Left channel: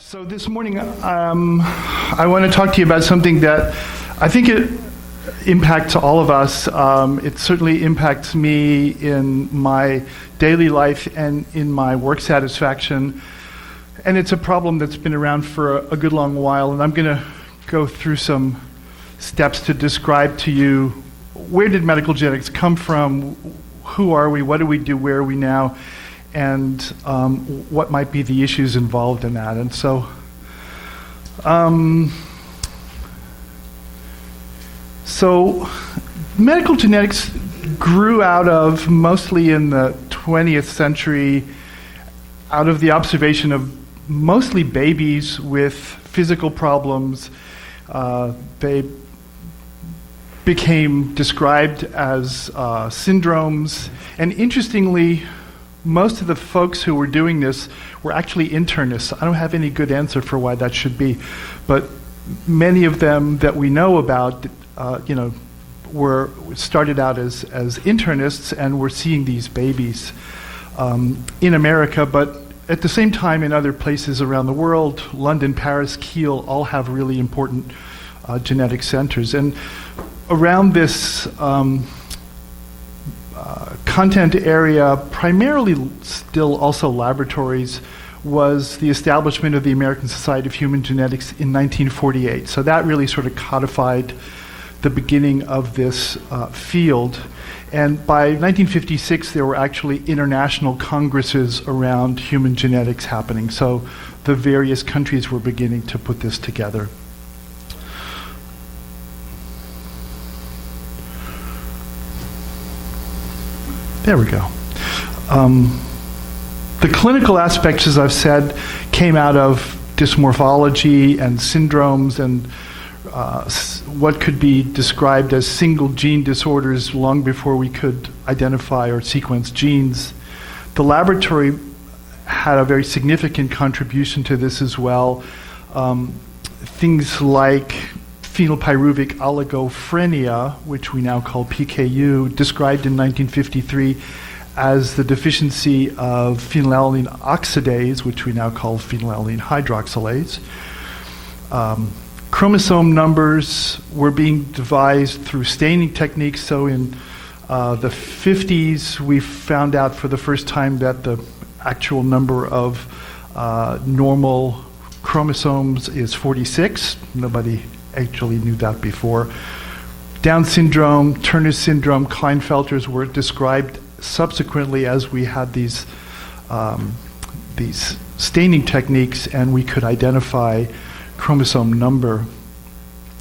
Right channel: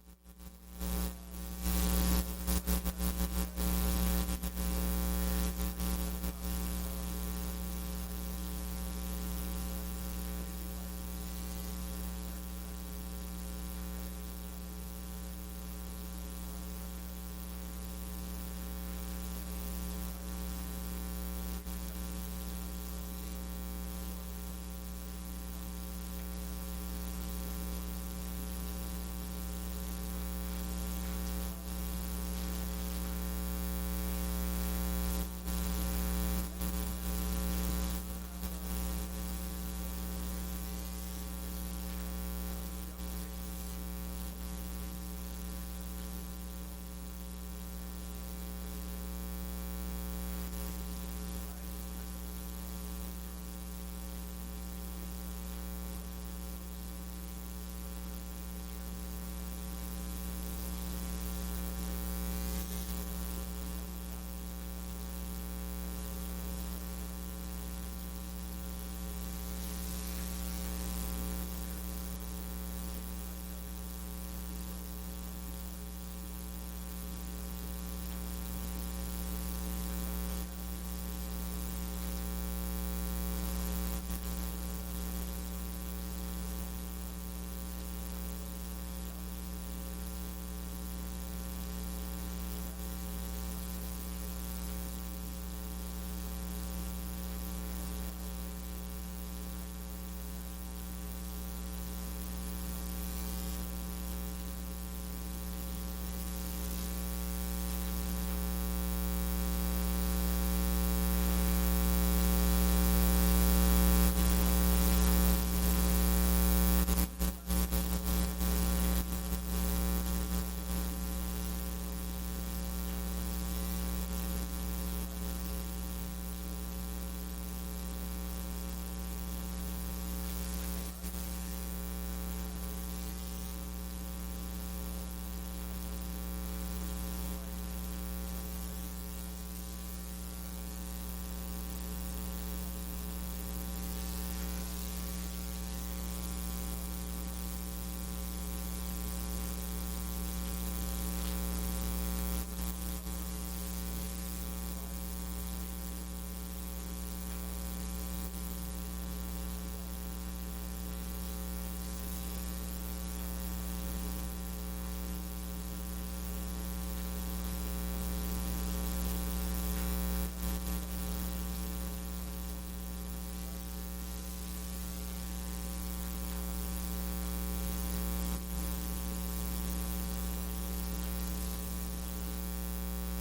So this morning, I want to talk to you about something that I think it impacts all of us. It certainly impacts me in my daily life and in my work satisfaction. And it's a problem that's been around for a good long while. And I'm going to go through some steps to describe to you, where did medical genetics come from? Who are we? What do we do? Where are we now? And what might be the issues involved in that. And so, medical genetics grew out of, mostly in the 20th century, out of the observation of mostly babies with physical problems. They became described as syndromes, and interestingly, most of the folks who were doing this were actually internists. I don't have any good answer for why that should be, but many of them that we know about, were started out as internists and were seeing these babies in America, but at the same time in other places around the world. London, Paris, Kiel all have really important genetic centers. And around this content area, primarily still also laboratories, was the establishment of the American Society of Human Genetics in 1948. So that really sort of codified the beginning of this field. And by 1956, there were actually international congresses around human genetics happening. So the various countries were beginning to put this together. There we go. The clinical aspects, as I've said, came out of dysmorphology and syndromes and what could be described as single gene disorders long before we could identify or sequence genes. The laboratory had a very significant contribution to this as well. Things like phenylpyruvic oligophrenia, which we now call PKU, described in 1953 as the deficiency of phenylalanine oxidase, which we now call phenylalanine hydroxylase. Chromosome numbers were being devised through staining techniques. So in the 50s, we found out for the first time that the actual number of normal chromosomes is 46. Nobody actually knew that before. Down syndrome, Turner syndrome, Klinefelters were described subsequently as we had these staining techniques and we could identify chromosome number.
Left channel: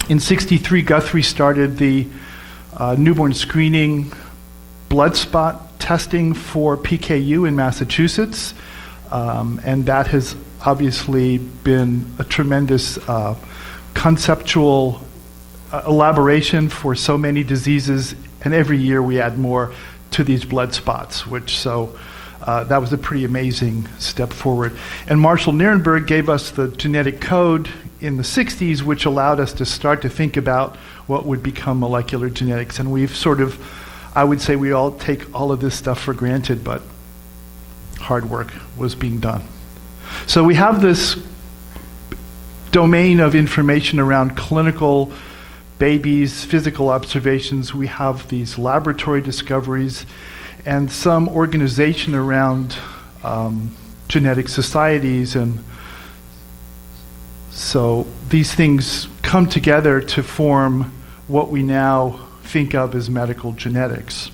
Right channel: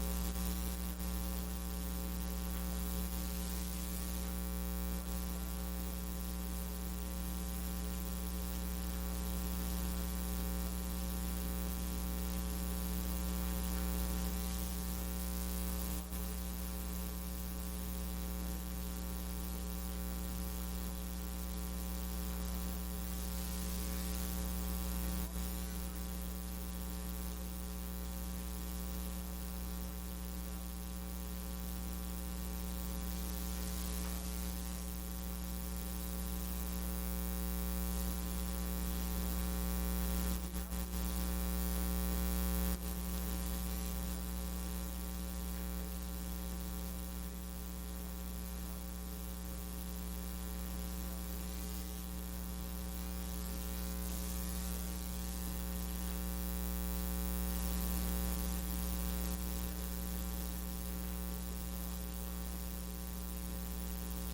In '63, Guthrie started the newborn screening blood spot testing for PKU in Massachusetts, and that has obviously been a tremendous conceptual elaboration for so many diseases, and every year we add more to these blood spots, that was a pretty amazing step forward. And Marshall Nierenberg gave us the genetic code in the 60s, which allowed us to start to think about what would become molecular genetics. And we've sort of, I would say we all take all of this stuff for granted, but hard work was being done. So we have this domain of information around clinical babies, physical observations. We have these laboratory discoveries and some organization around genetic societies. And so these things come together to form what we now think of as medical genetics.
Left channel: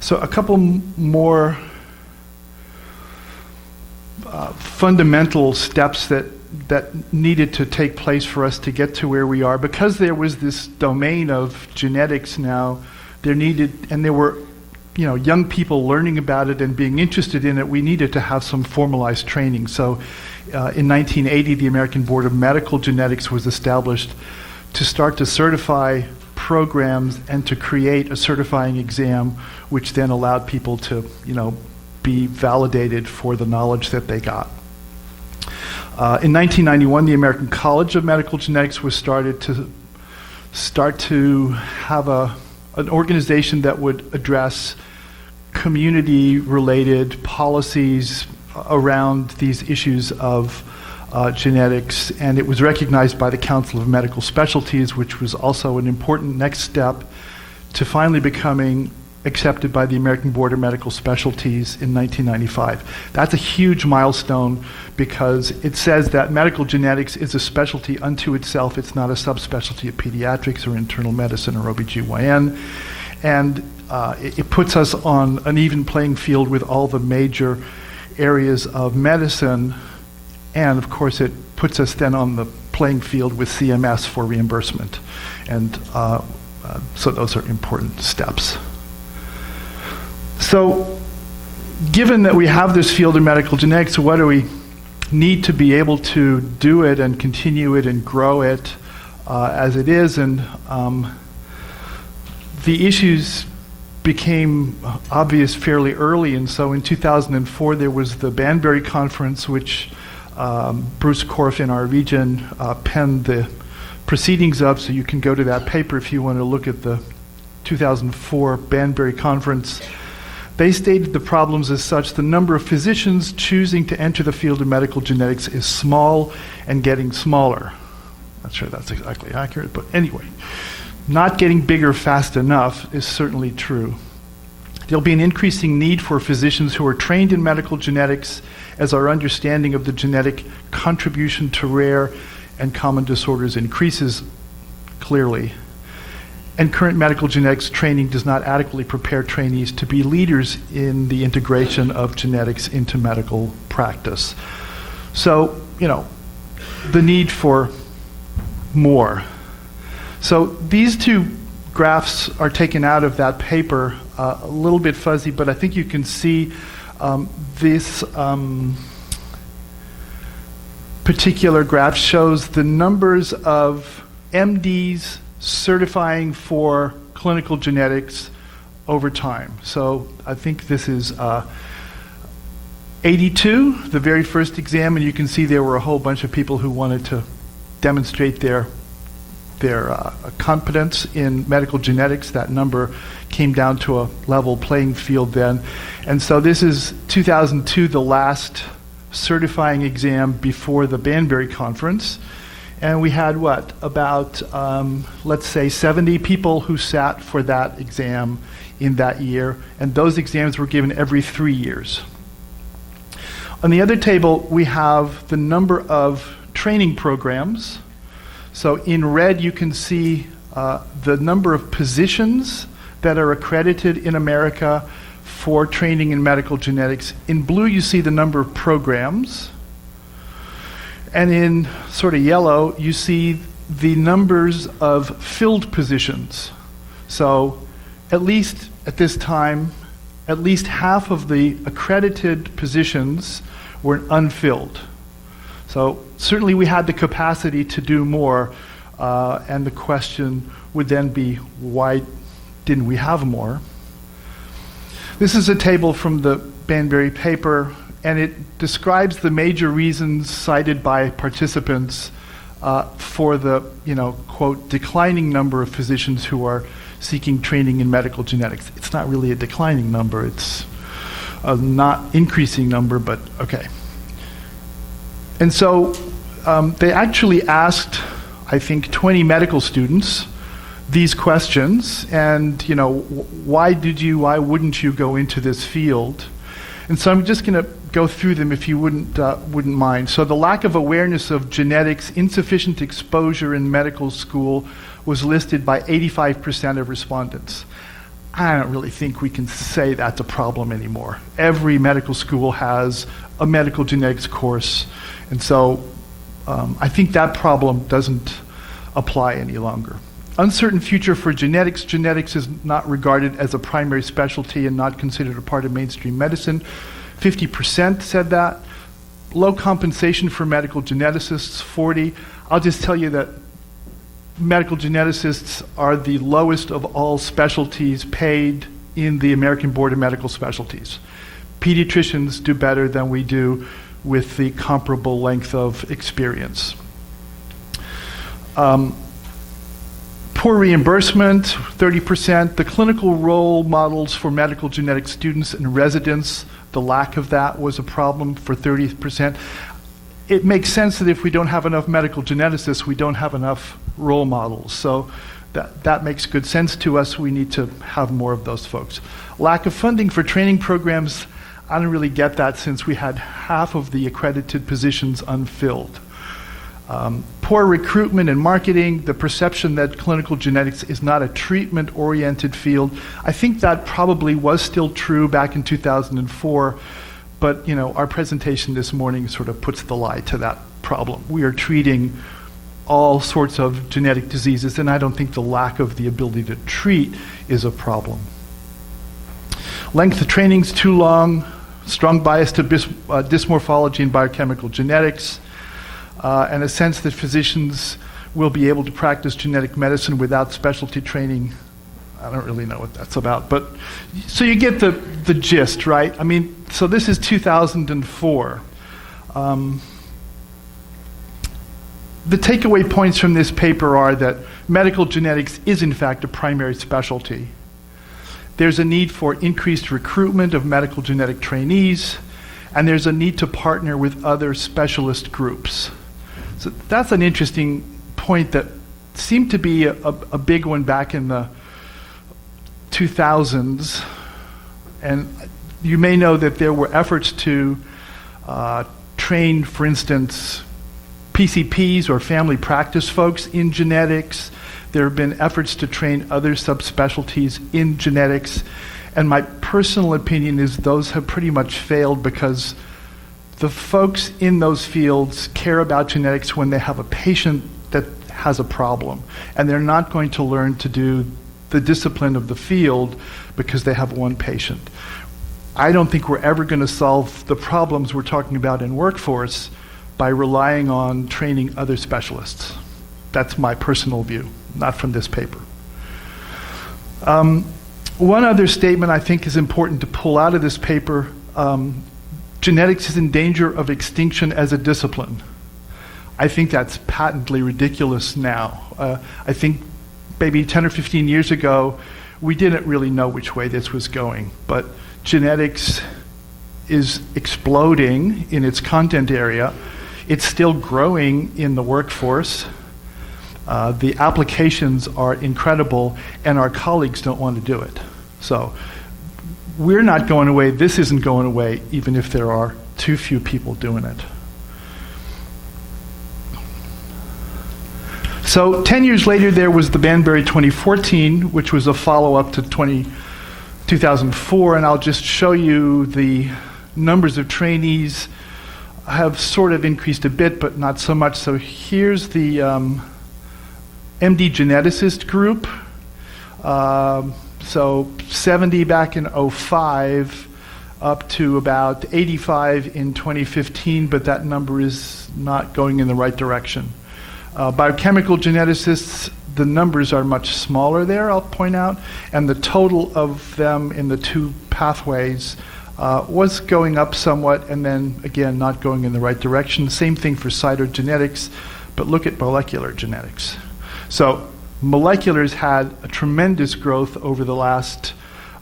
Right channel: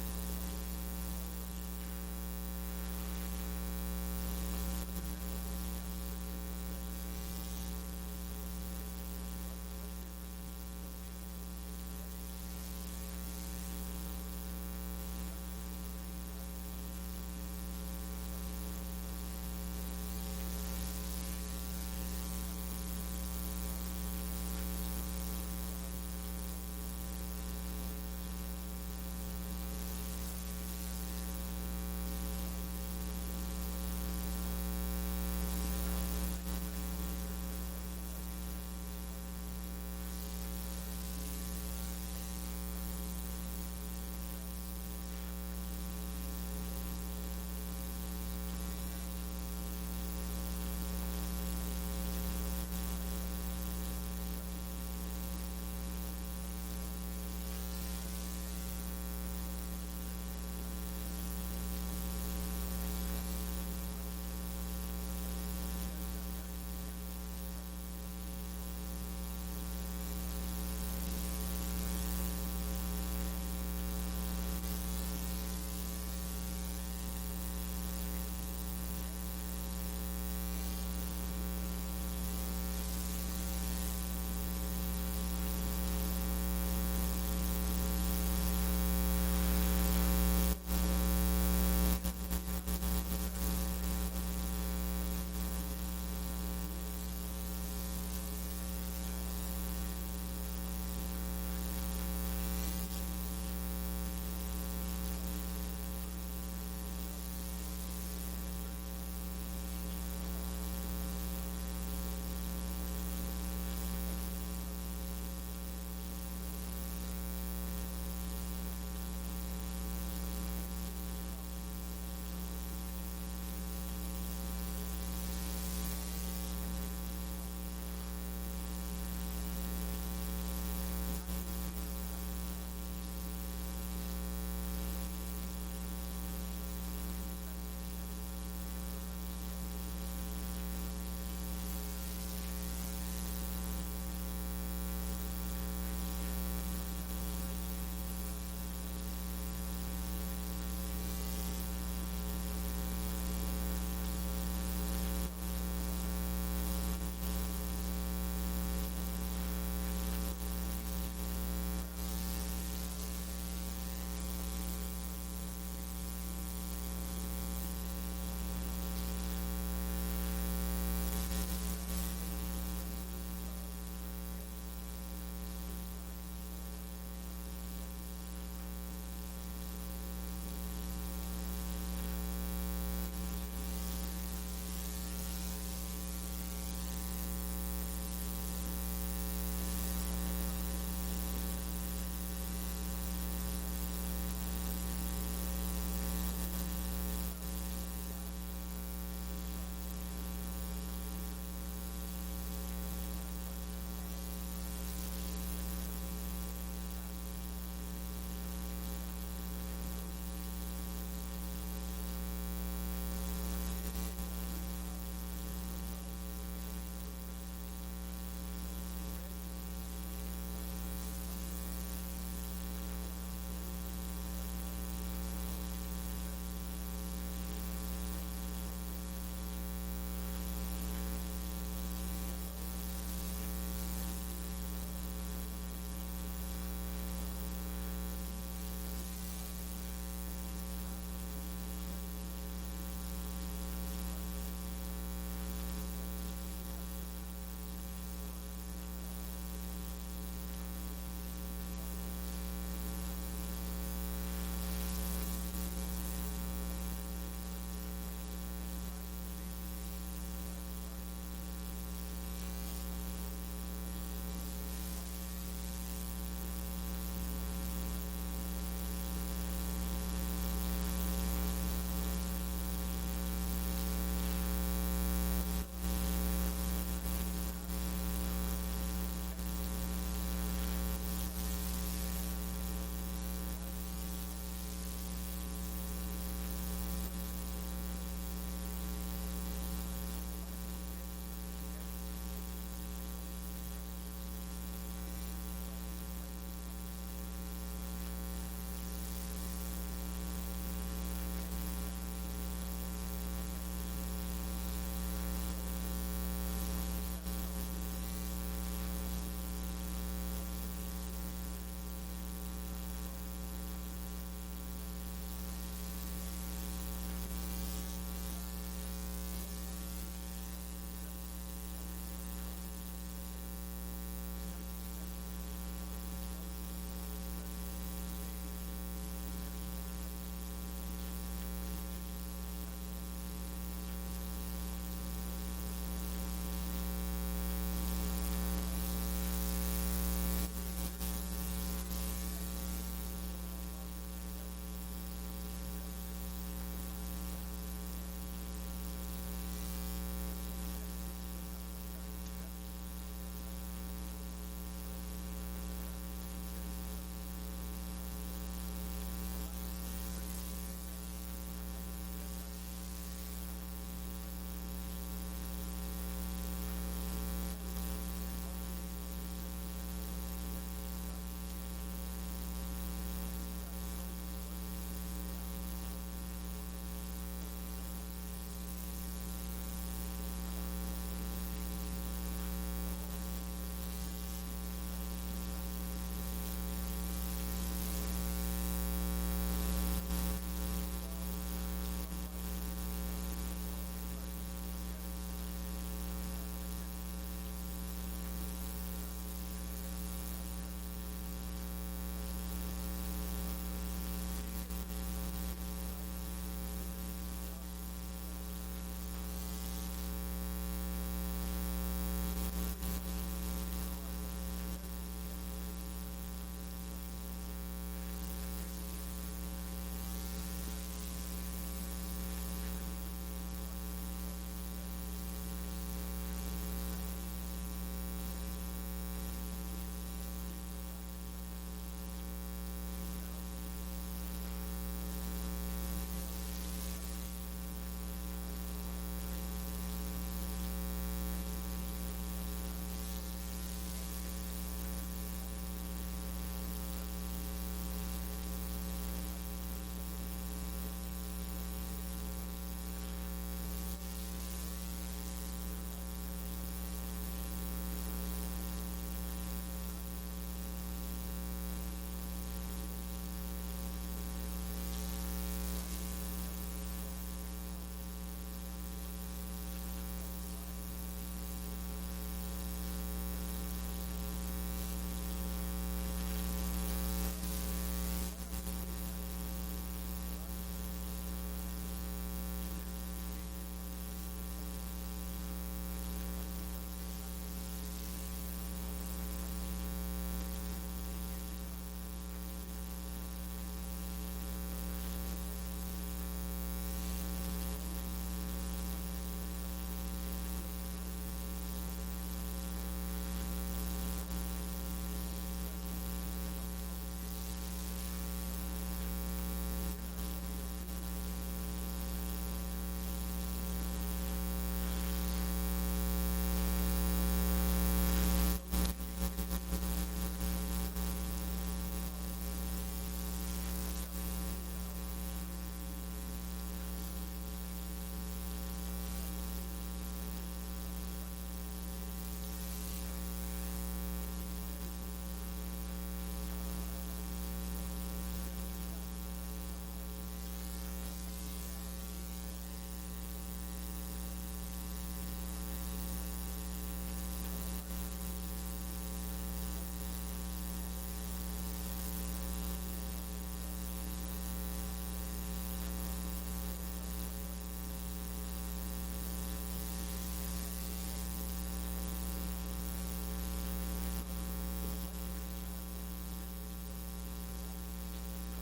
So a couple more fundamental steps that needed to take place for us to get to where we are. Because there was this domain of genetics now, there were young people learning about it and being interested in it, we needed to have some formalized training. So in 1980, the American Board of Medical Genetics was established to start to certify programs and to create a certifying exam, which then allowed people to be validated for the knowledge that they got. In 1991, the American College of Medical Genetics was started to have an organization that would address community-related policies around these issues of genetics, and it was recognized by the Council of Medical Specialties, which was also an important next step to finally becoming accepted by the American Board of Medical Specialties in 1995. That's a huge milestone because it says that medical genetics is a specialty unto itself. It's not a subspecialty of pediatrics or internal medicine or OBGYN. And it puts us on an even playing field with all the major areas of medicine. And of course, it puts us then on the playing field with CMS for reimbursement. And so those are important steps. So given that we have this field of medical genetics, what do we need to be able to do it and continue it and grow it as it is? And the issues became obvious fairly early. And so in 2004, there was the Banbury Conference, which Bruce Korf in our region penned the proceedings of, so you can go to that paper if you want to look at the 2004 Banbury Conference. They stated the problems as such: the number of physicians choosing to enter the field of medical genetics is small and getting smaller. Not sure that's exactly accurate, but anyway, not getting bigger fast enough is certainly true. There'll be an increasing need for physicians who are trained in medical genetics as our understanding of the genetic contribution to rare and common disorders increases clearly. And current medical genetics training does not adequately prepare trainees to be leaders in the integration of genetics into medical practice. So, the need for more. So these two graphs are taken out of that paper, a little bit fuzzy, but I think you can see this particular graph shows the numbers of MDs certifying for clinical genetics over time. So I think this is 82, the very first exam, and you can see there were a whole bunch of people who wanted to demonstrate their competence in medical genetics. That number came down to a level playing field then. And so this is 2002, the last certifying exam before the Banbury Conference. And we had about, let's say 70 people who sat for that exam in that year. And those exams were given every 3 years. On the other table, we have the number of training programs. So in red, you can see the number of positions that are accredited in America for training in medical genetics. In blue, you see the number of programs. And in sort of yellow, you see the numbers of filled positions. So at least at this time, at least half of the accredited positions were unfilled. So certainly we had the capacity to do more, and the question would then be, why didn't we have more? This is a table from the Banbury paper, and it describes the major reasons cited by participants for the, quote, declining number of physicians who are seeking training in medical genetics. It's not really a declining number, it's a not increasing number, but okay. And so they actually asked, I think, 20 medical students these questions, and why wouldn't you go into this field? And so I'm just going to go through them if you wouldn't mind. So the lack of awareness of genetics, insufficient exposure in medical school was listed by 85% of respondents. I don't really think we can say that's a problem anymore. Every medical school has a medical genetics course, and so I think that problem doesn't apply any longer. Uncertain future for genetics. Genetics is not regarded as a primary specialty and not considered a part of mainstream medicine. 50% said that. Low compensation for medical geneticists, 40. I'll just tell you that medical geneticists are the lowest of all specialties paid in the American Board of Medical Specialties. Pediatricians do better than we do with the comparable length of experience. Poor reimbursement, 30%. The clinical role models for medical genetics students and residents, the lack of that was a problem for 30%. it makes sense that if we don't have enough medical geneticists, we don't have enough role models. So that makes good sense to us. We need to have more of those folks. Lack of funding for training programs, I don't really get that since we had half of the accredited positions unfilled. Poor recruitment and marketing, the perception that clinical genetics is not a treatment-oriented field. I think that probably was still true back in 2004, but our presentation this morning sort of puts the lie to that problem. We are treating all sorts of genetic diseases, and I don't think the lack of the ability to treat is a problem. Length of training is too long, strong bias to dysmorphology and biochemical genetics, and a sense that physicians will be able to practice genetic medicine without specialty training. I don't really know what that's about, but so you get the gist, right? I mean, so this is 2004. The takeaway points from this paper are that medical genetics is in fact a primary specialty. There's a need for increased recruitment of medical genetic trainees, and there's a need to partner with other specialist groups. So that's an interesting point that seemed to be a big one back in the 2000s. And you may know that there were efforts to train, for instance, PCPs or family practice folks in genetics. There have been efforts to train other subspecialties in genetics. And my personal opinion is those have pretty much failed because the folks in those fields care about genetics when they have a patient that has a problem. And they're not going to learn to do the discipline of the field because they have one patient. I don't think we're ever going to solve the problems we're talking about in workforce by relying on training other specialists. That's my personal view, not from this paper. One other statement I think is important to pull out of this paper, genetics is in danger of extinction as a discipline. I think that's patently ridiculous now. I think maybe 10 or 15 years ago, we didn't really know which way this was going, but genetics is exploding in its content area. It's still growing in the workforce. The applications are incredible, and our colleagues don't want to do it. So we're not going away. This isn't going away, even if there are too few people doing it. So 10 years later, there was the Banbury 2014, which was a follow-up to 2004, and I'll just show you the numbers of trainees have sort of increased a bit, but not so much. So here's the MD geneticist group. So 70 back in 05, up to about 85 in 2015, but that number is not going in the right direction. Biochemical geneticists, the numbers are much smaller there, I'll point out, and the total of them in the two pathways was going up somewhat, and then again not going in the right direction. Same thing for cytogenetics, but look at molecular genetics. So molecular's had a tremendous growth over the last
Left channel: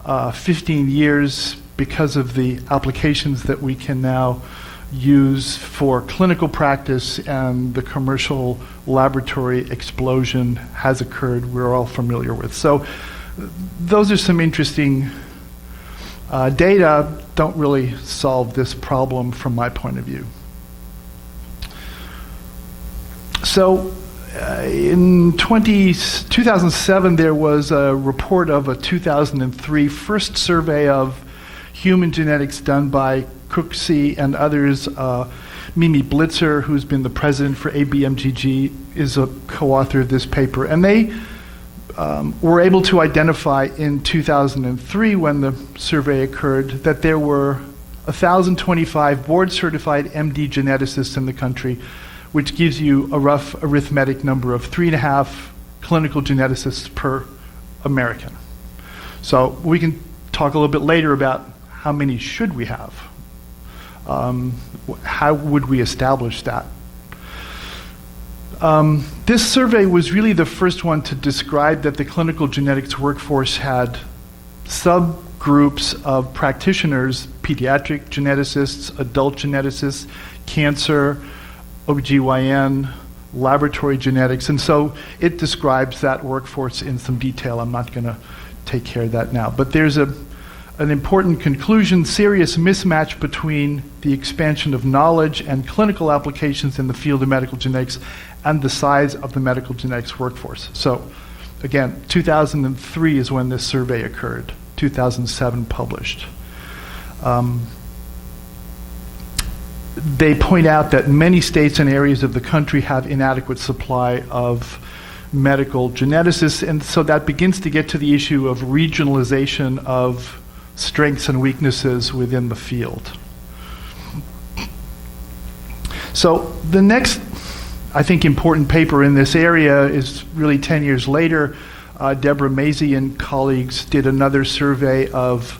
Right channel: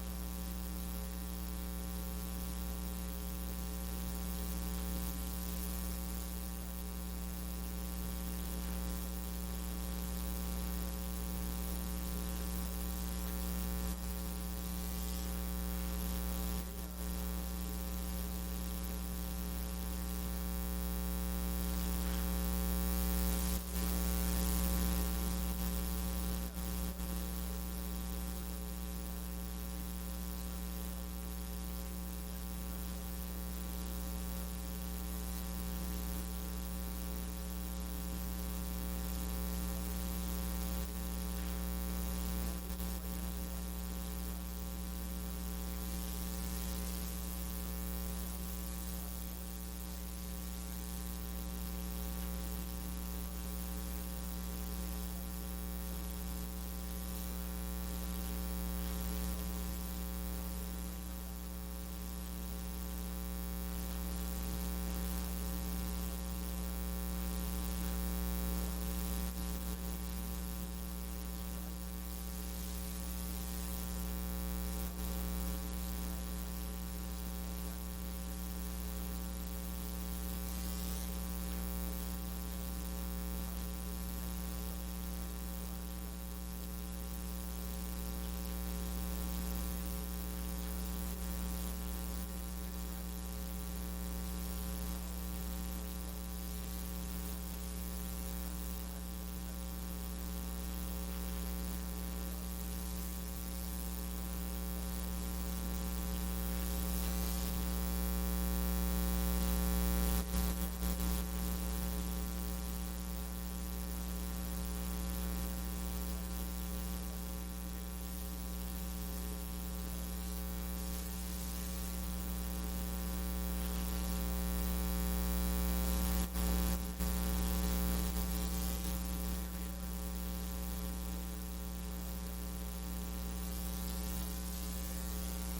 15 years because of the applications that we can now use for clinical practice, and the commercial laboratory explosion has occurred, we're all familiar with. So those are some interesting data, don't really solve this problem from my point of view. So in 2007, there was a report of a 2003 first survey of human genetics done by Cooksey and others. Mimi Blitzer, who's been the president for ABMGG, is a co-author of this paper. And they were able to identify in 2003, when the survey occurred, that there were 1,025 board-certified MD geneticists in the country, which gives you a rough arithmetic number of 3.5 clinical geneticists per American. So we can talk a little bit later about how many should we have. How would we establish that? This survey was really the first one to describe that the clinical genetics workforce had subgroups of practitioners, pediatric geneticists, adult geneticists, cancer, OBGYN, laboratory genetics, and so it describes that workforce in some detail. I'm not going to take care of that now. But there's an important conclusion: serious mismatch between the expansion of knowledge and clinical applications in the field of medical genetics and the size of the medical genetics workforce. So again, 2003 is when this survey occurred, 2007 published. They point out that many states and areas of the country have inadequate supply of medical geneticists, and so that begins to get to the issue of regionalization of strengths and weaknesses within the field. So the next, I think, important paper in this area is really 10 years later. Deborah Mazie and colleagues did another survey of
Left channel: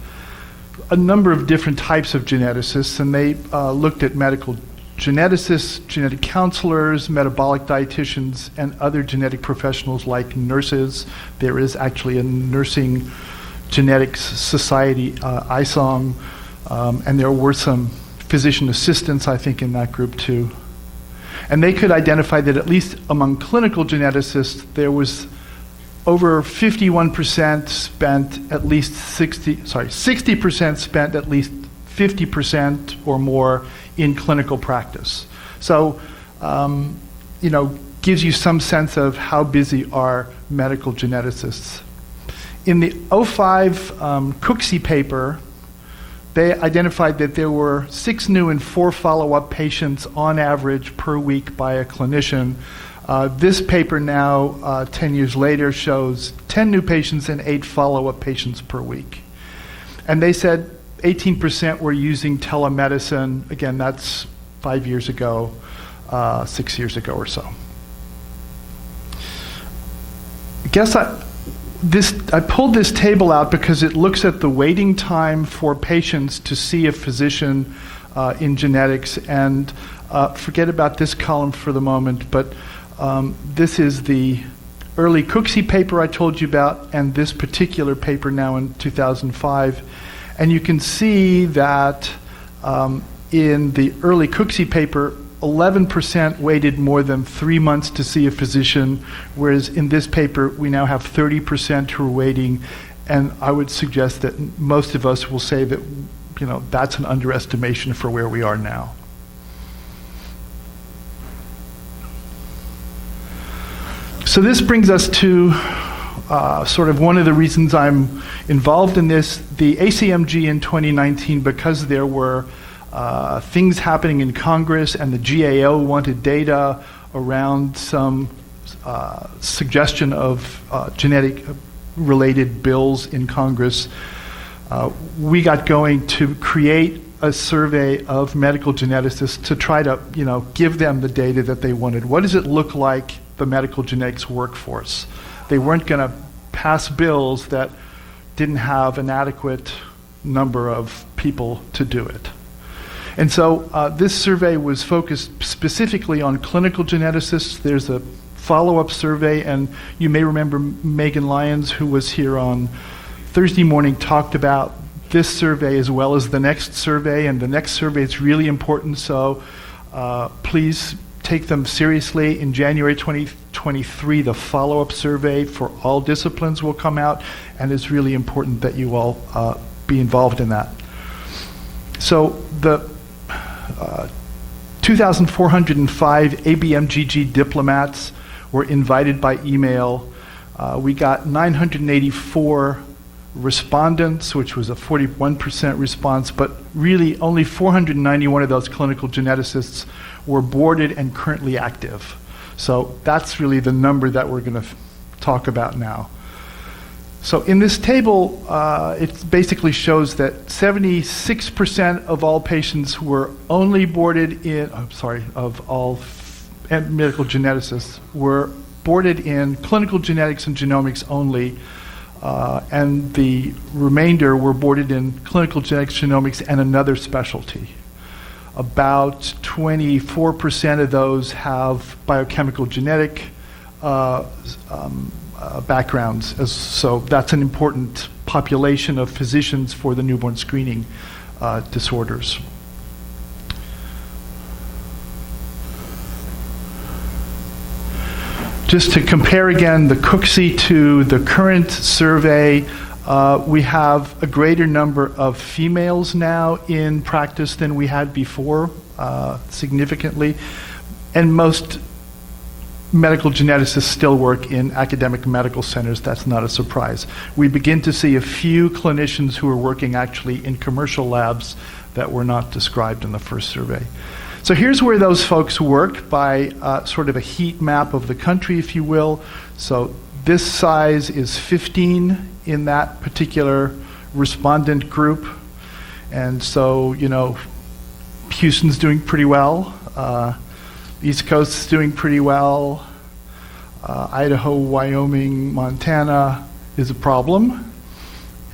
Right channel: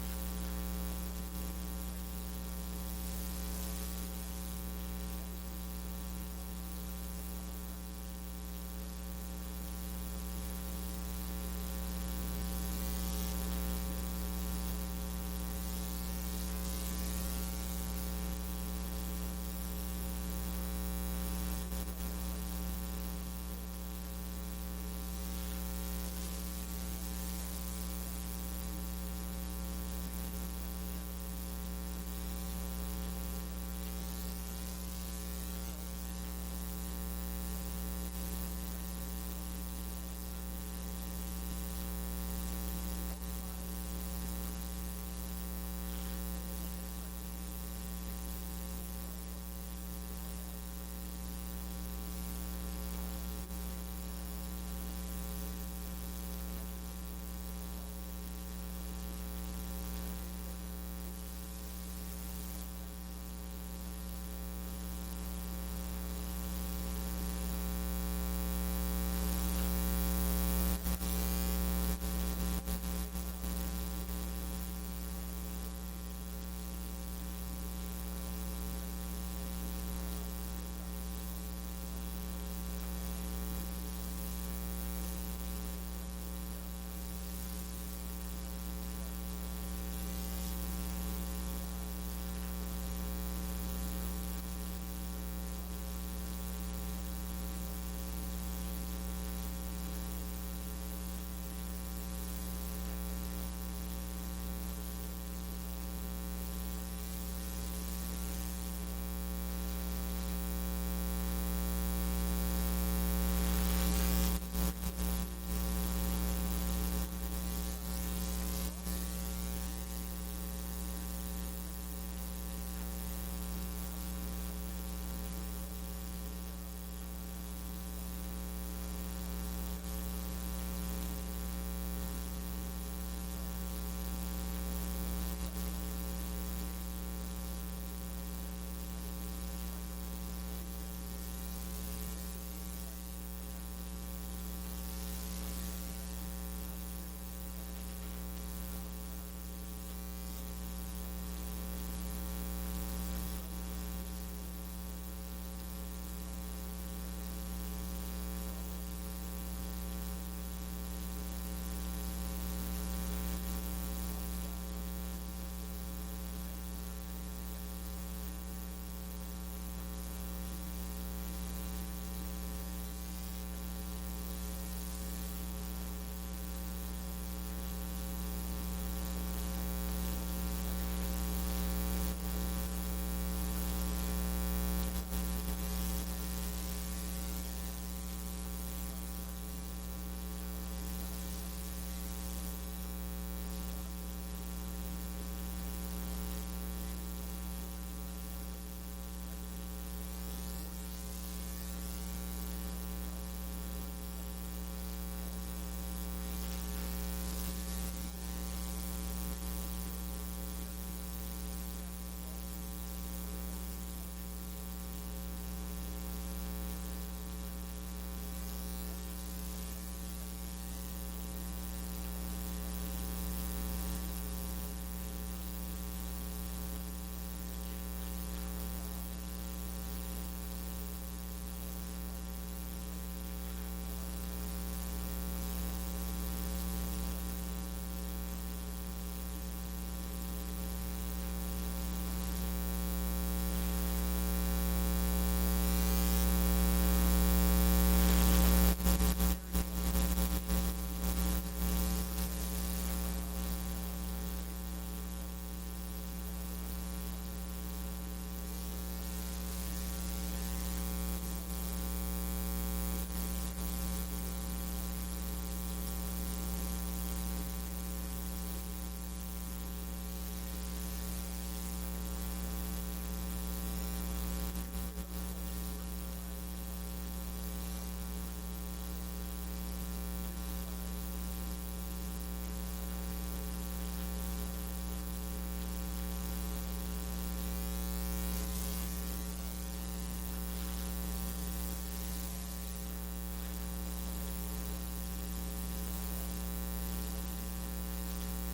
a number of different types of geneticists, and they looked at medical geneticists, genetic counselors, metabolic dietitians, and other genetic professionals like nurses. There is actually a nursing genetics society, ISOM, and there were some physician assistants, I think, in that group too. And they could identify that at least among clinical geneticists, there was over 51% spent at least 60% spent at least 50% or more in clinical practice. So, gives you some sense of how busy are medical geneticists. In the 05 Cooksey paper, they identified that there were 6 new and 4 follow-up patients on average per week by a clinician. This paper now, 10 years later, shows 10 new patients and 8 follow-up patients per week. And they said 18% were using telemedicine. Again, that's 5 years ago, 6 years ago or so. I pulled this table out because it looks at the waiting time for patients to see a physician in genetics. And forget about this column for the moment, but this is the early Cooksey paper I told you about, and this particular paper now in 2005. And you can see that in the early Cooksey paper, 11% waited more than 3 months to see a physician, whereas in this paper, we now have 30% who are waiting. And I would suggest that most of us will say that, that's an underestimation for where we are now. So this brings us to sort of one of the reasons I'm involved in this. The ACMG in 2019, because there were things happening in Congress and the GAO wanted data around some suggestion of genetic-related bills in Congress, we got going to create a survey of medical geneticists to try to, give them the data that they wanted. What does it look like, the medical genetics workforce? They weren't going to pass bills that didn't have an adequate number of people to do it. And so this survey was focused specifically on clinical geneticists. There's a follow-up survey, and you may remember Megan Lyons, who was here on Thursday morning, talked about this survey as well as the next survey, and the next survey is really important, so please take them seriously. In January 2023, the follow-up survey for all disciplines will come out, and it's really important that you all be involved in that. So the 2,405 ABMGG diplomats were invited by email. We got 984 respondents, which was a 41% response, but really only 491 of those clinical geneticists were boarded and currently active. So that's really the number that we're going to talk about now. So in this table, it basically shows that 76% of all patients were only boarded in, of all medical geneticists were boarded in clinical genetics and genomics only, and the remainder were boarded in clinical genetics, genomics, and another specialty. About 24% of those have biochemical genetic backgrounds, so that's an important population of physicians for the newborn screening disorders. Just to compare again the Cooksey to the current survey, we have a greater number of females now in practice than we had before, significantly. And most medical geneticists still work in academic medical centers. That's not a surprise. We begin to see a few clinicians who are working actually in commercial labs that were not described in the first survey. So here's where those folks work by sort of a heat map of the country, if you will. So this size is 15 in that particular respondent group. And so, you know, Houston's doing pretty well. East Coast is doing pretty well. Idaho, Wyoming, Montana is a problem.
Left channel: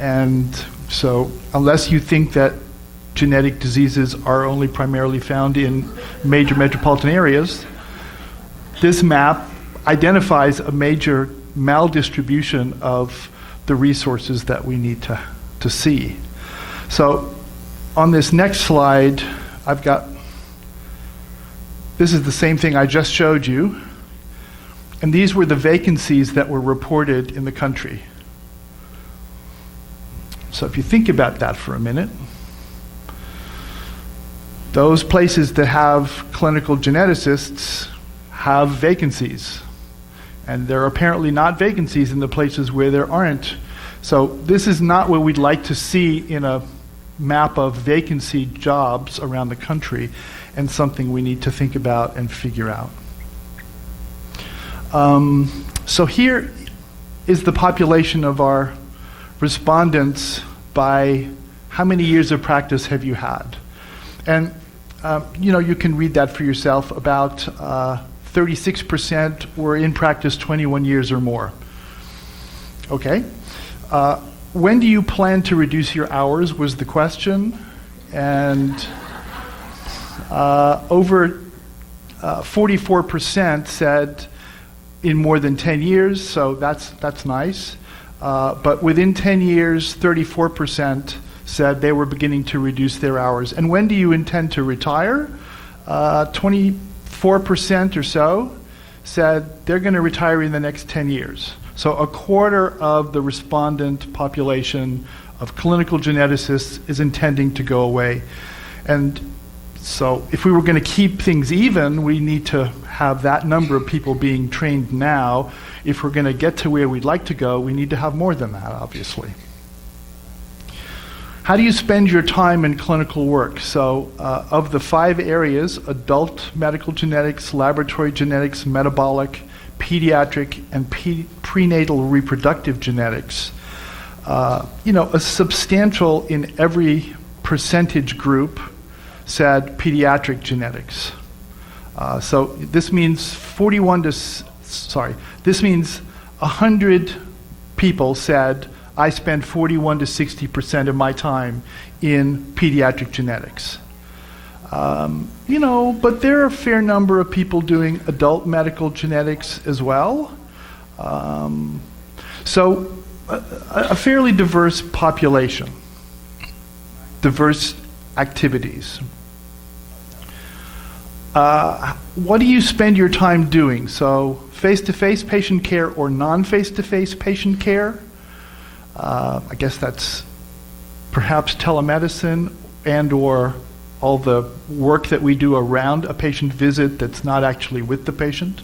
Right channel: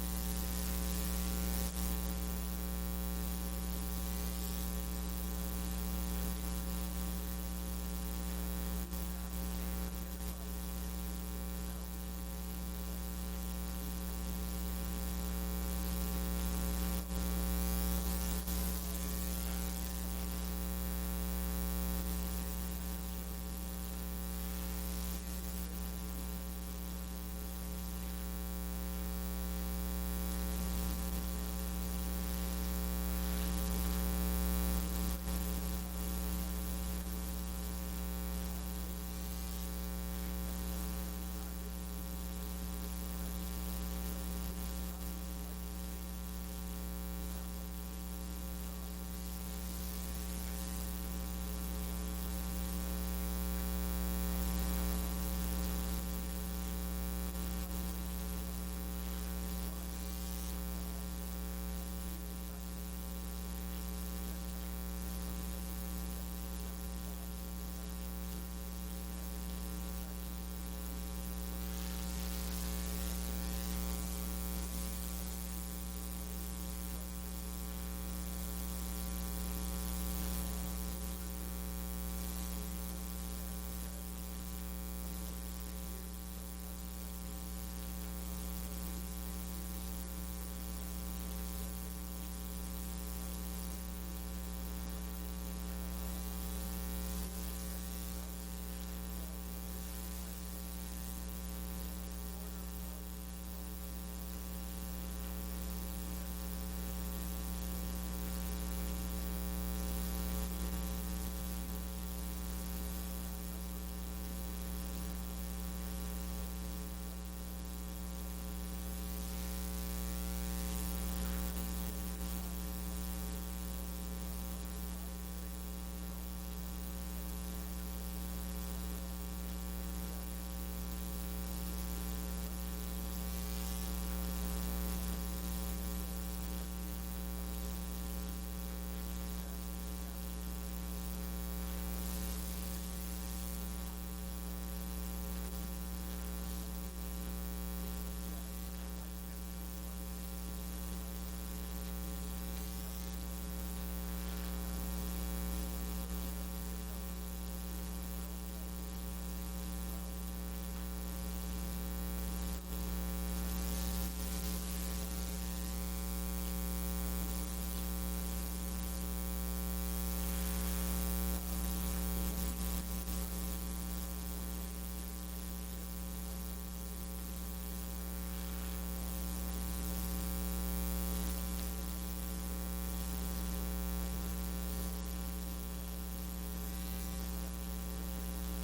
And so unless you think that genetic diseases are only primarily found in major metropolitan areas, this map identifies a major maldistribution of the resources that we need to see. So on this next slide, this is the same thing I just showed you, and these were the vacancies that were reported in the country. So if you think about that for a minute, those places that have clinical geneticists have vacancies, and there are apparently not vacancies in the places where there aren't. So this is not what we'd like to see in a map of vacancy jobs around the country, and something we need to think about and figure out. So here is the population of our respondents by how many years of practice have you had. And you know, you can read that for yourself. About 36% were in practice 21 years or more. Okay. When do you plan to reduce your hours was the question. And over 44% said in more than 10 years, so that's nice. But within 10 years, 34% said they were beginning to reduce their hours. And when do you intend to retire? 24% or so said they're going to retire in the next 10 years. So a quarter of the respondent population of clinical geneticists is intending to go away. And so if we were going to keep things even, we need to have that number of people being trained now. If we're going to get to where we'd like to go, we need to have more than that, obviously. How do you spend your time in clinical work? So of the 5 areas, adult medical genetics, laboratory genetics, metabolic, pediatric, and prenatal reproductive genetics, you know, a substantial in every percentage group said pediatric genetics. So this means 100 people said, I spend 41 to 60% of my time in pediatric genetics. You know, but there are a fair number of people doing adult medical genetics as well. So a fairly diverse population, diverse activities. What do you spend your time doing? So face-to-face patient care or non-face-to-face patient care? I guess that's perhaps telemedicine and or all the work that we do around a patient visit that's not actually with the patient.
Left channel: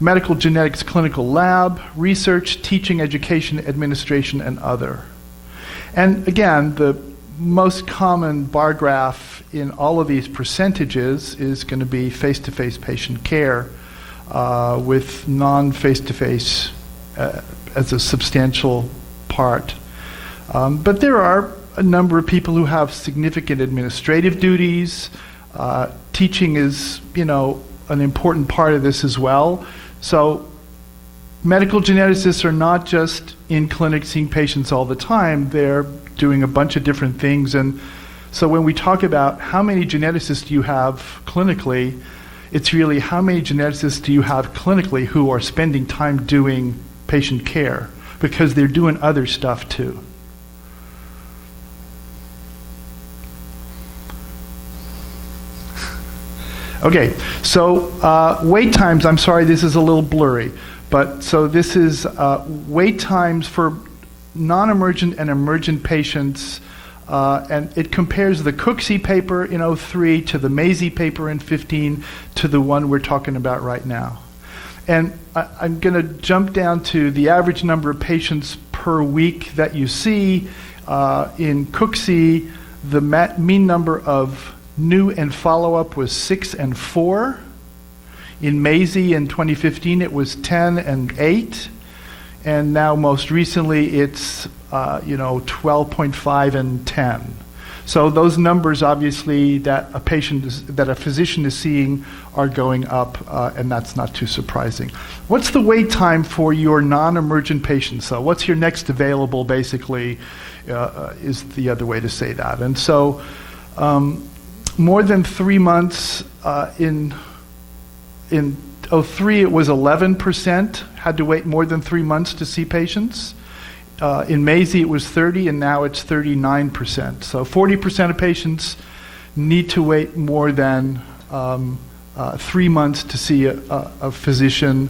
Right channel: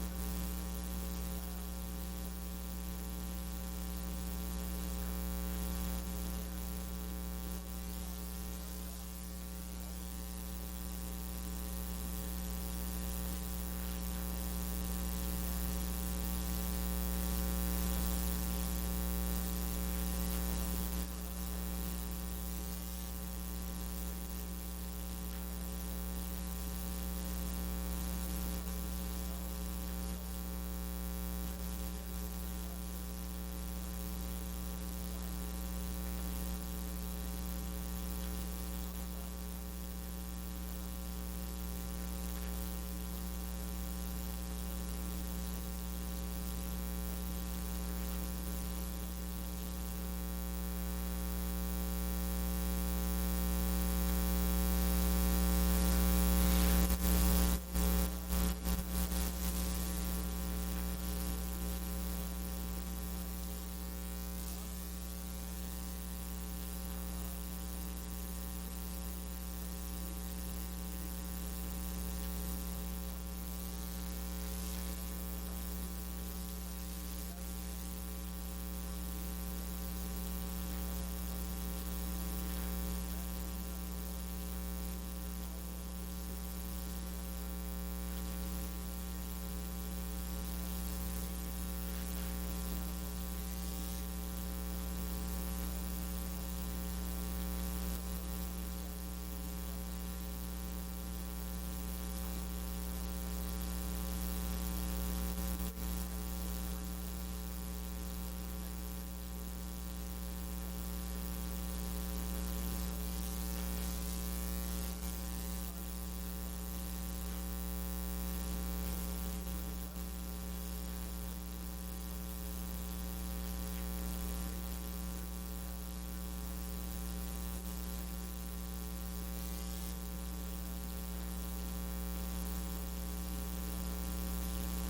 Medical genetics clinical lab, research, teaching, education, administration, and other. And again, the most common bar graph in all of these percentages is going to be face-to-face patient care with non-face-to-face as a substantial part. But there are a number of people who have significant administrative duties. Teaching is, you know, an important part of this as well. So medical geneticists are not just in clinic seeing patients all the time, they're doing a bunch of different things. And so when we talk about how many geneticists do you have clinically, it's really how many geneticists do you have clinically who are spending time doing patient care, because they're doing other stuff too. Okay, so wait times, I'm sorry, this is a little blurry, but so this is wait times for non-emergent and emergent patients, and it compares the Cooksey paper in 03 to the Mazie paper in 15 to the one we're talking about right now. And I'm going to jump down to the average number of patients per week that you see. In Cooksey, the mean number of new and follow-up was 6 and 4. In Mazie in 2015, it was 10 and 8. And now most recently, it's 12.5 and 10. So those numbers, obviously, that a physician is seeing are going up, and that's not too surprising. What's the wait time for your non-emergent patients? So what's your next available, basically, is the other way to say that. And so more than 3 months in 03, it was 11% had to wait more than 3 months to see patients. In Mazie, it was 30, and now it's 39%. So 40% of patients need to wait more than 3 months to see a physician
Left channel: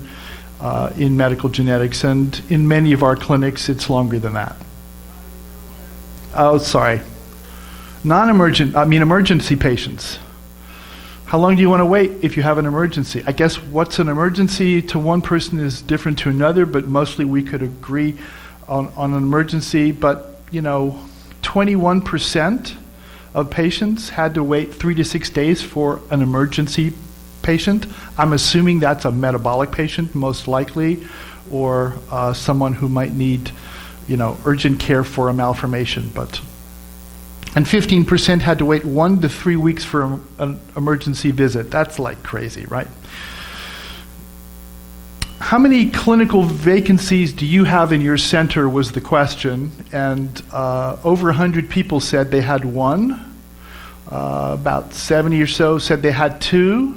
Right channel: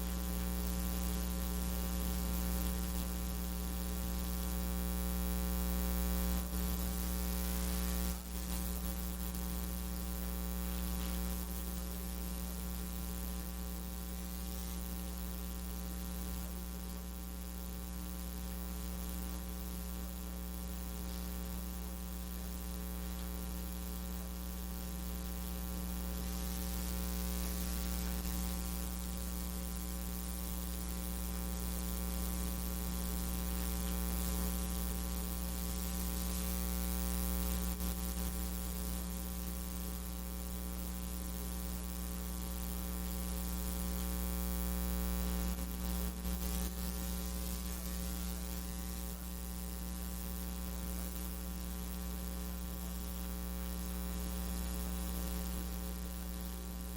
in medical genetics, and in many of our clinics, it's longer than that. Oh, sorry. Emergency patients. How long do you want to wait if you have an emergency? I guess what's an emergency to one person is different to another, but mostly we could agree on an emergency. But 21% of patients had to wait 3 to 6 days for an emergency patient. I'm assuming that's a metabolic patient, most likely, or someone who might need urgent care for a malformation. And 15% had to wait 1 to 3 weeks for an emergency visit. That's like crazy, right? How many clinical vacancies do you have in your center was the question, and over 100 people said they had 1. About 70 or so said they had 2.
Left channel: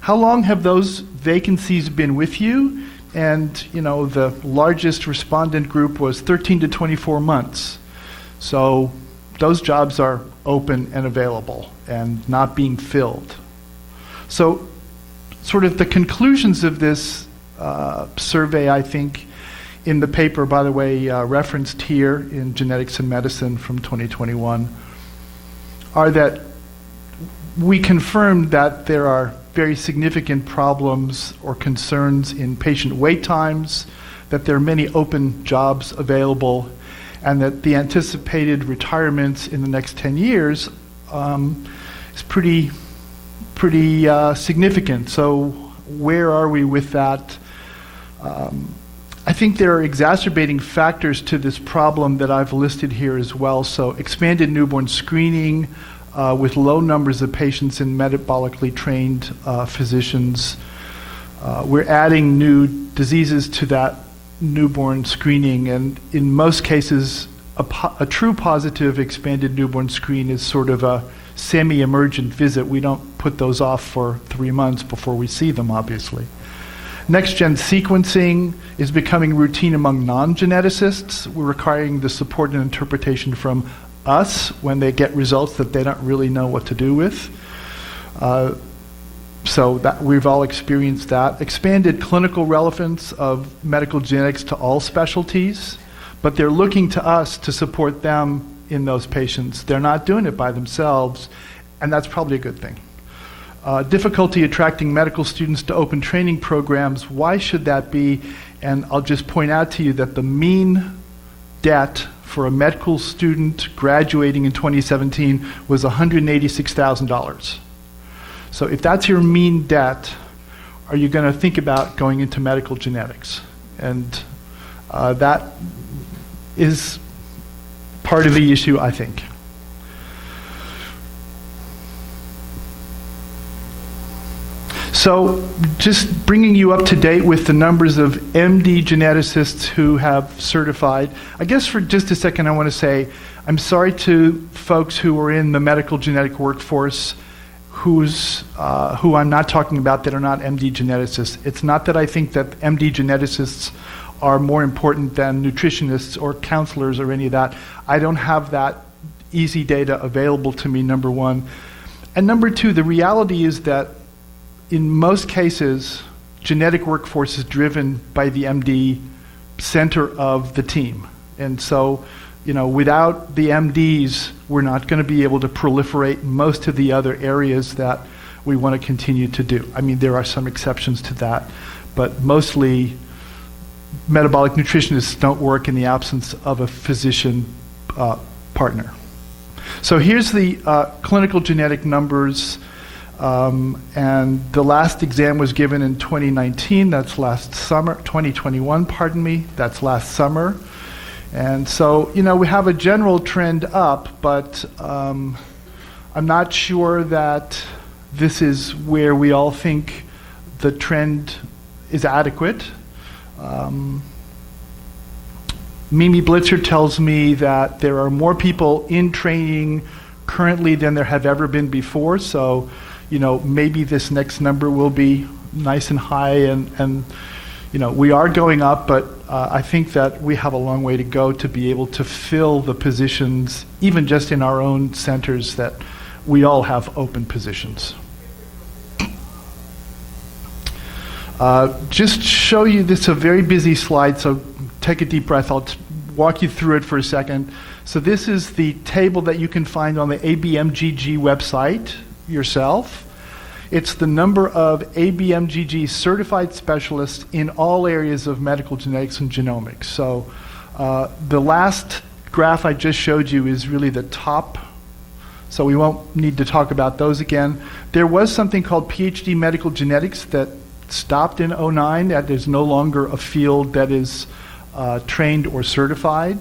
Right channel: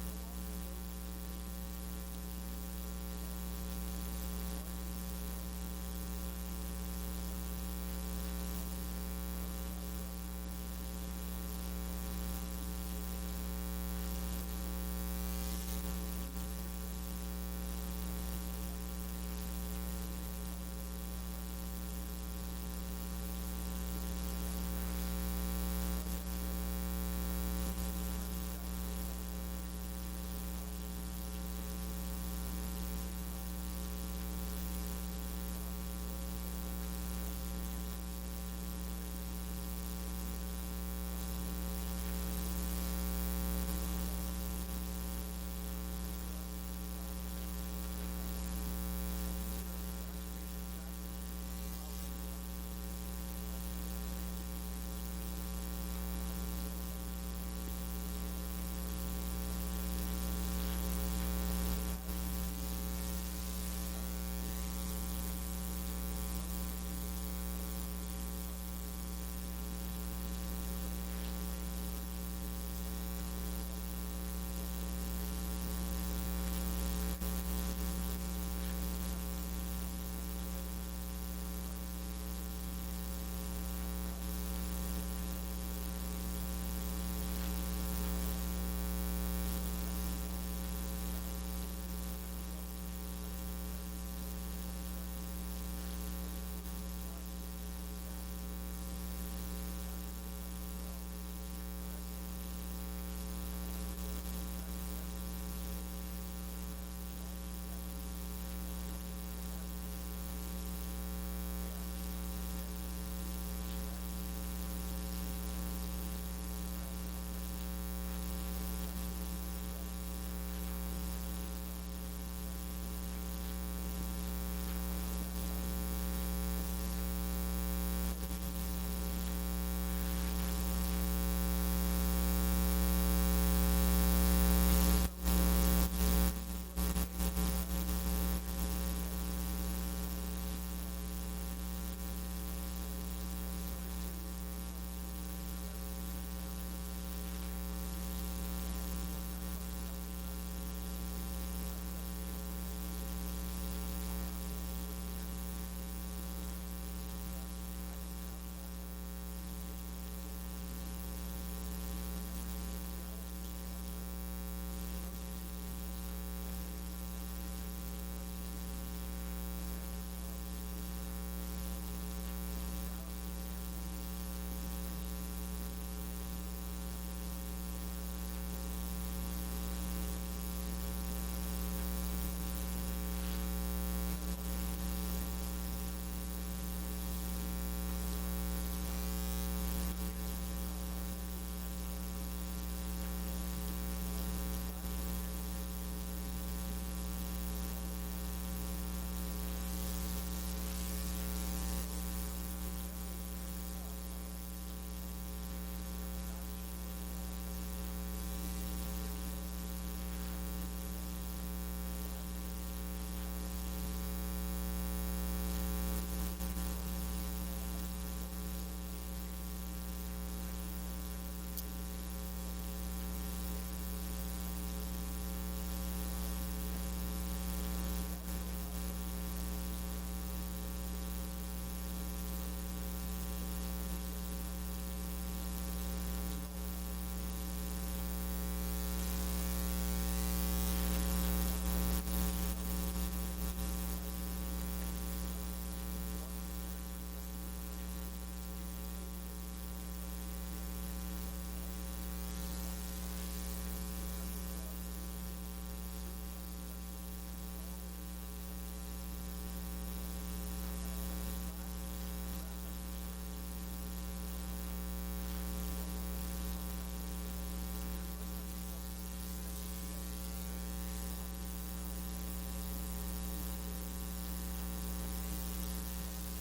How long have those vacancies been with you? And the largest respondent group was 13 to 24 months. So those jobs are open and available and not being filled. So sort of the conclusions of this survey, I think, in the paper, by the way, referenced here in Genetics and Medicine from 2021, are that we confirmed that there are very significant problems or concerns in patient wait times, that there are many open jobs available, and that the anticipated retirements in the next 10 years is pretty significant. So where are we with that? I think there are exacerbating factors to this problem that I've listed here as well. So expanded newborn screening with low numbers of patients in metabolically trained physicians. We're adding new diseases to that newborn screening, and in most cases, a true positive expanded newborn screen is sort of a semi-emergent visit. We don't put those off for 3 months before we see them, obviously. Next-gen sequencing is becoming routine among non-geneticists. We're requiring the support and interpretation from us when they get results that they don't really know what to do with. So that we've all experienced that. Expanded clinical relevance of medical genetics to all specialties, but they're looking to us to support them in those patients. They're not doing it by themselves, and that's probably a good thing. Difficulty attracting medical students to open training programs. Why should that be? And I'll just point out to you that the mean debt for a medical student graduating in 2017 was $186,000. So if that's your mean debt, are you going to think about going into medical genetics? And that is part of the issue, I think. So just bringing you up to date with the numbers of MD geneticists who have certified. I guess for just a second I want to say I'm sorry to folks who are in the medical genetic workforce who I'm not talking about that are not MD geneticists. It's not that I think that MD geneticists are more important than nutritionists or counselors or any of that. I don't have that easy data available to me, number one. And number two, the reality is that in most cases, genetic workforce is driven by the MD center of the team. And so, without the MDs, we're not going to be able to proliferate most of the other areas that we want to continue to do. I mean, there are some exceptions to that, but mostly metabolic nutritionists don't work in the absence of a physician partner. So here's the clinical genetic numbers, and the last exam was given in 2019, that's last summer, 2021, pardon me, that's last summer. And so, we have a general trend up, but I'm not sure that this is where we all think the trend is adequate. Mimi Blitzer tells me that there are more people in training currently than there have ever been before. So, maybe this next number will be nice and high, and we are going up, but I think that we have a long way to go to be able to fill the positions, even just in our own centers, that we all have open positions. Just show you, this is a very busy slide, so take a deep breath. I'll walk you through it for a second. So this is the table that you can find on the ABMGG website yourself. It's the number of ABMGG certified specialists in all areas of medical genetics and genomics. So the last graph I just showed you is really the top, so we won't need to talk about those again. There was something called PhD medical genetics that stopped in '09. That is no longer a field that is trained or certified.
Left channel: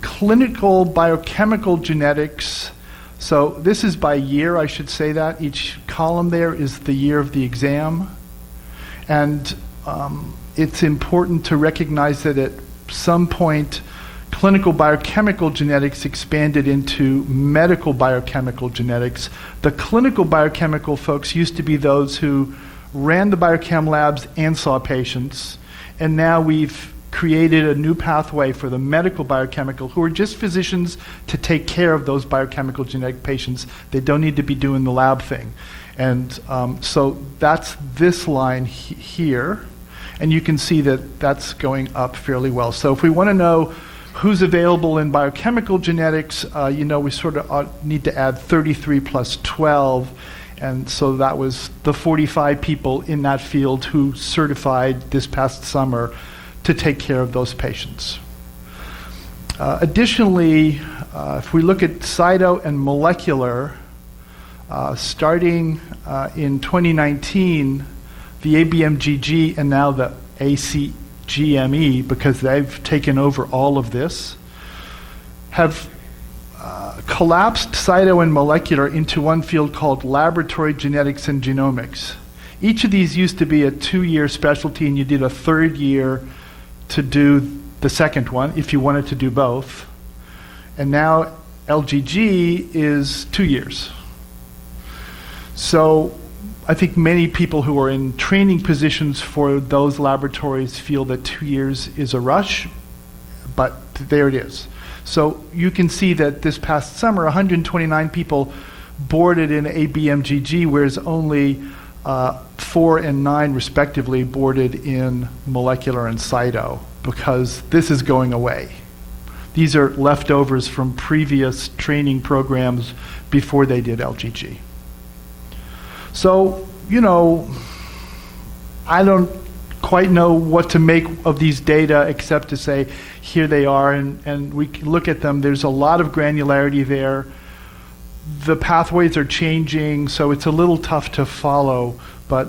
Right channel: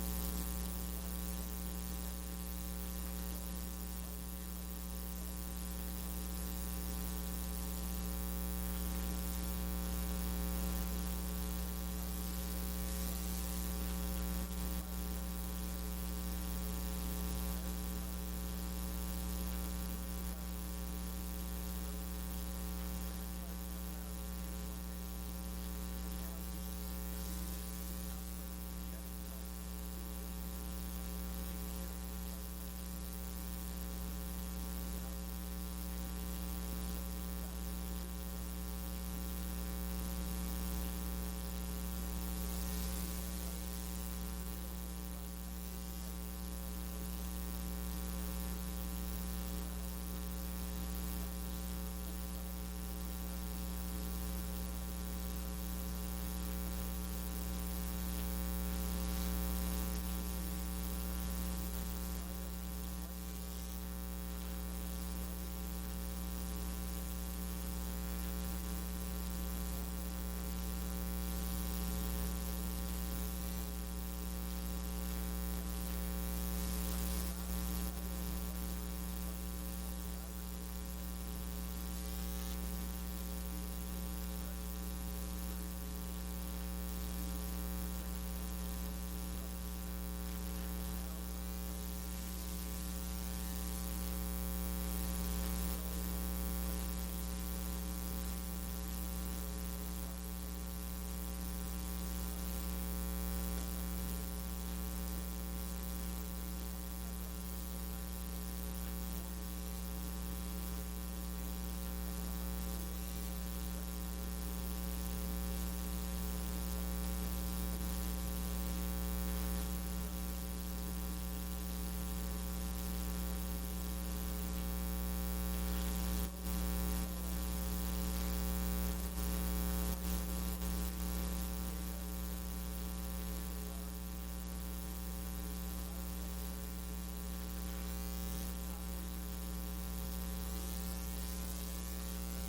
Clinical biochemical genetics, so this is by year, I should say that. Each column there is the year of the exam. And it's important to recognize that at some point, clinical biochemical genetics expanded into medical biochemical genetics. The clinical biochemical folks used to be those who ran the biochem labs and saw patients. And now we've created a new pathway for the medical biochemical, who are just physicians to take care of those biochemical genetic patients. They don't need to be doing the lab thing. And so that's this line here. And you can see that that's going up fairly well. So if we want to know who's available in biochemical genetics, we sort of need to add 33 plus 12. And so that was the 45 people in that field who certified this past summer to take care of those patients. Additionally, if we look at cyto and molecular, starting in 2019, the ABMGG and now the ACGME, because they've taken over all of this, have collapsed cyto and molecular into one field called laboratory genetics and genomics. Each of these used to be a 2-year specialty, and you did a 3rd year to do the second one if you wanted to do both. And now LGG is 2 years. So I think many people who are in training positions for those laboratories feel that 2 years is a rush, but there it is. So you can see that this past summer, 129 people boarded in ABMGG, whereas only 4 and 9 respectively boarded in molecular and cyto, because this is going away. These are leftovers from previous training programs before they did LGG. So, I don't quite know what to make of these data except to say, here they are, and we can look at them. There's a lot of granularity there. The pathways are changing, so it's a little tough to follow, but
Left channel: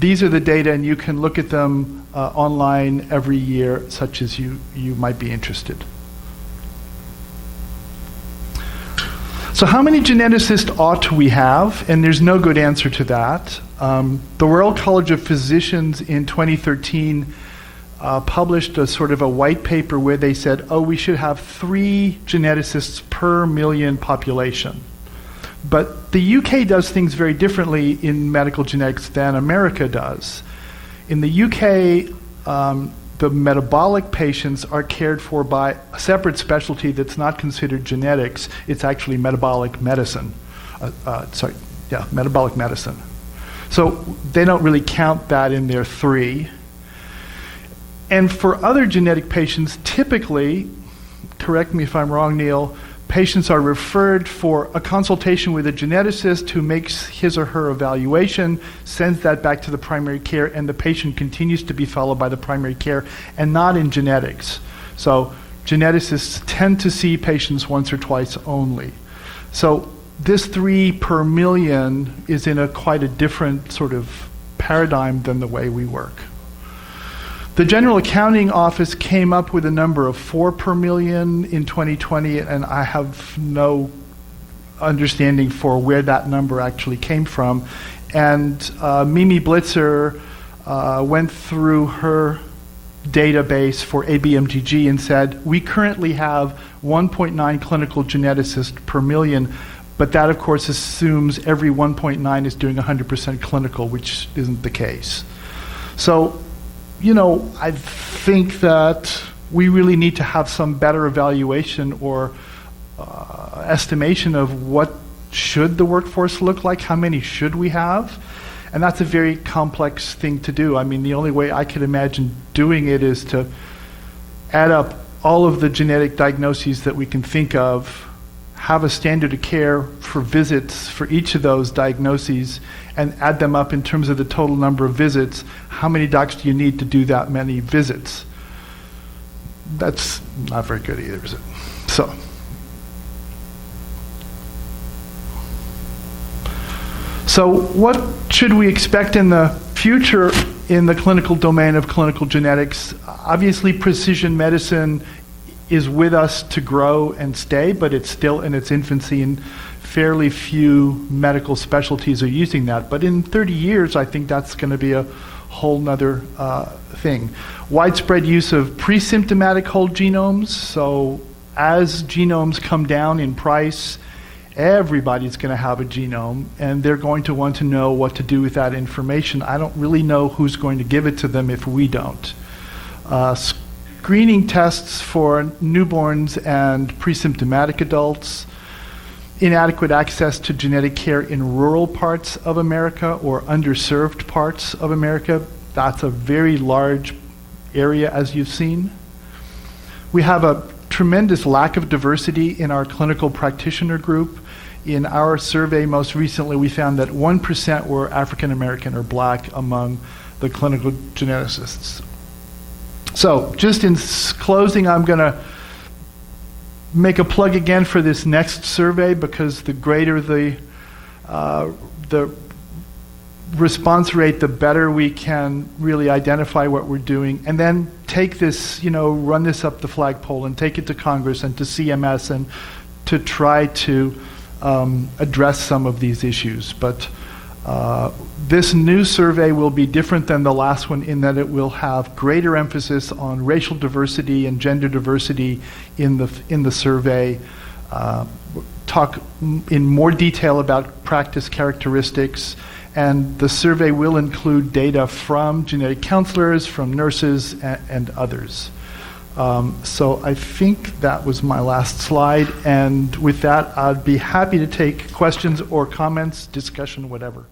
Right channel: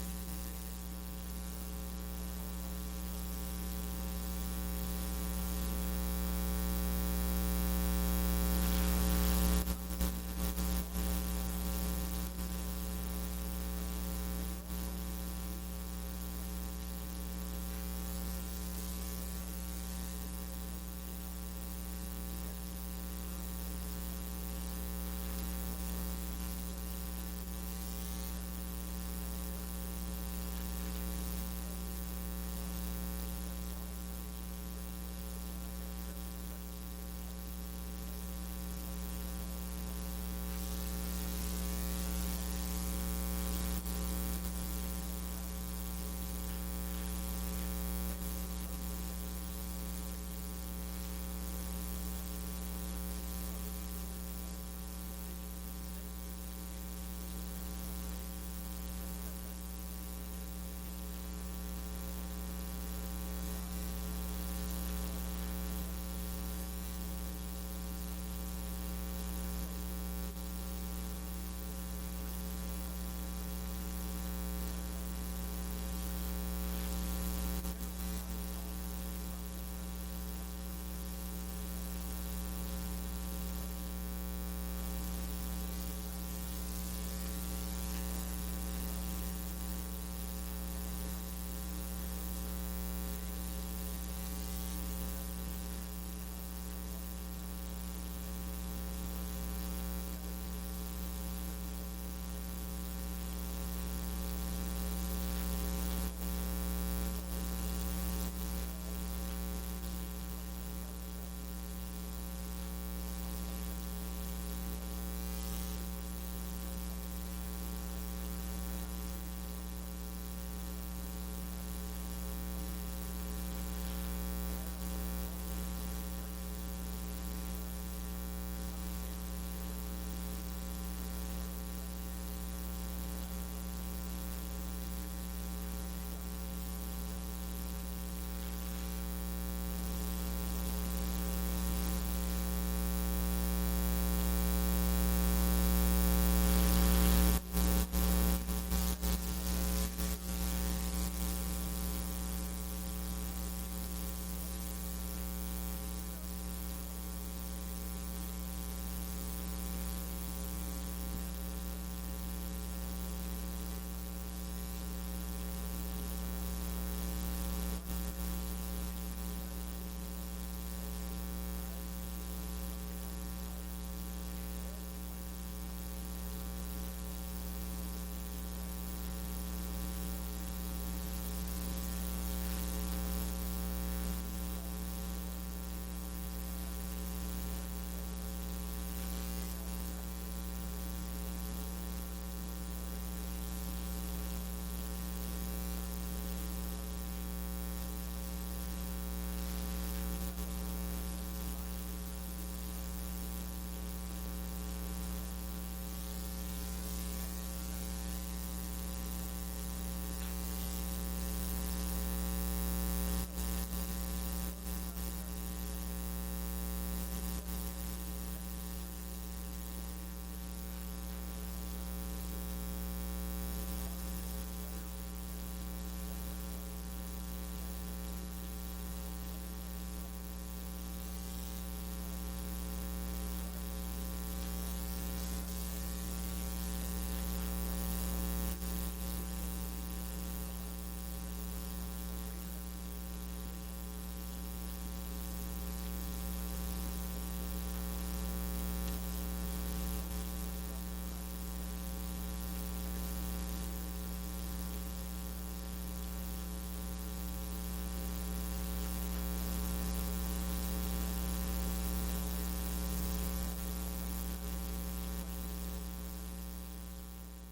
these are the data, and you can look at them online every year, such as you might be interested. So how many geneticists ought we have? And there's no good answer to that. The Royal College of Physicians in 2013 published a sort of a white paper where they said, we should have 3 geneticists per million population. But the UK does things very differently in medical genetics than America does. In the UK, the metabolic patients are cared for by a separate specialty that's not considered genetics. It's actually metabolic medicine. metabolic medicine. So they don't really count that in their 3. And for other genetic patients, typically, correct me if I'm wrong, Neil, patients are referred for a consultation with a geneticist who makes his or her evaluation, sends that back to the primary care, and the patient continues to be followed by the primary care, and not in genetics. So geneticists tend to see patients once or twice only. So this 3 per million is in quite a different sort of paradigm than the way we work. The General Accounting Office came up with a number of 4 per million in 2020, and I have no understanding for where that number actually came from. And Mimi Blitzer went through her database for ABMGG and said, we currently have 1.9 clinical geneticists per million, but that of course assumes every 1.9 is doing 100% clinical, which isn't the case. So, you know, I think that we really need to have some better evaluation or estimation of what should the workforce look like, how many should we have, and that's a very complex thing to do. I mean, the only way I could imagine doing it is to add up all of the genetic diagnoses that we can think of, have a standard of care for visits for each of those diagnoses, and add them up in terms of the total number of visits. How many docs do you need to do that many visits? That's not very good either, is it? So what should we expect in the future in the clinical domain of clinical genetics? Obviously, precision medicine is with us to grow and stay, but it's still in its infancy, and fairly few medical specialties are using that. But in 30 years, I think that's going to be a whole nother thing. Widespread use of pre-symptomatic whole genomes. So as genomes come down in price, everybody's going to have a genome, and they're going to want to know what to do with that information. I don't really know who's going to give it to them if we don't. Screening tests for newborns and pre-symptomatic adults. Inadequate access to genetic care in rural parts of America or underserved parts of America. That's a very large area, as you've seen. We have a tremendous lack of diversity in our clinical practitioner group. In our survey most recently, we found that 1% were African American or Black among the clinical geneticists. So just in closing, I'm going to make a plug again for this next survey, because the greater the response rate, the better we can really identify what we're doing, and then take this, you know, run this up the flagpole and take it to Congress and to CMS and to try to address some of these issues. But this new survey will be different than the last one in that it will have greater emphasis on racial diversity and gender diversity in the survey, talk in more detail about practice characteristics, and the survey will include data from genetic counselors, from nurses, and others. So I think that was my last slide, and with that, I'd be happy to take questions or comments, discussion, whatever.